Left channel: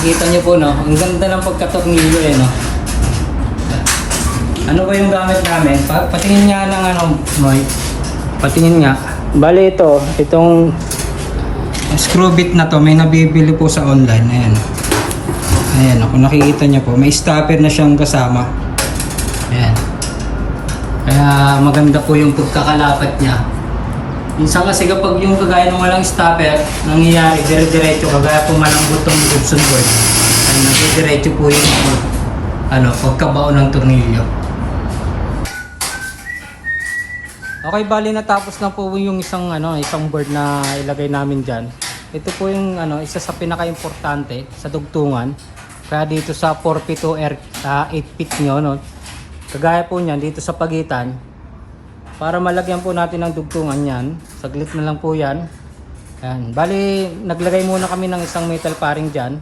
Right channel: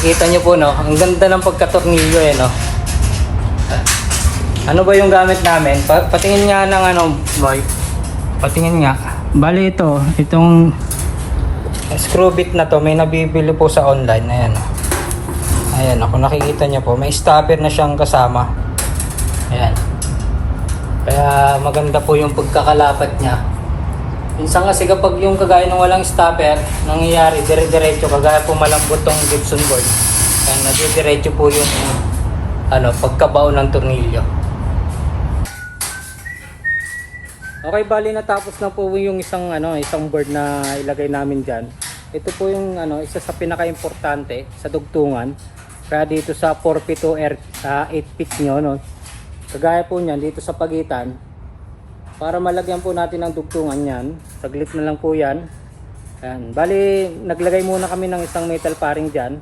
Makikita nyo po, no? Ang ganda ng pagkatornilyo, eh, no? Ano ba yung gamit namin? Patingin nga ng ano, Roy. Patingin nga. Bali itong screw bit na to, may nabibili po sa online. Ayan. Ayan, kung nakikita nyo po, may stopper na siyang kasama. Ayan. Kaya maganda po yung pagkakalapat niya. Minsan kasi kapag yung kagaya ng walang stopper, nangyayari dire-diretso, kagaya po malambot tong Gibson board. Ayan, dire-diretso po yung pagkabao ng tornilyo. Okay, bali natapos na po yung isang board na ilagay namin diyan. Ito po yung isa sa pinaka-importante sa dugtungan. Kaya dito sa 4P2R sa 8 feet nyo, no. Kagaya po niyan dito sa pagitan. Para malagyan po natin ng dugtungan yan, saglit na lang po yan. Ayan. Bali, naglagay muna kami ng isang metal paring dyan.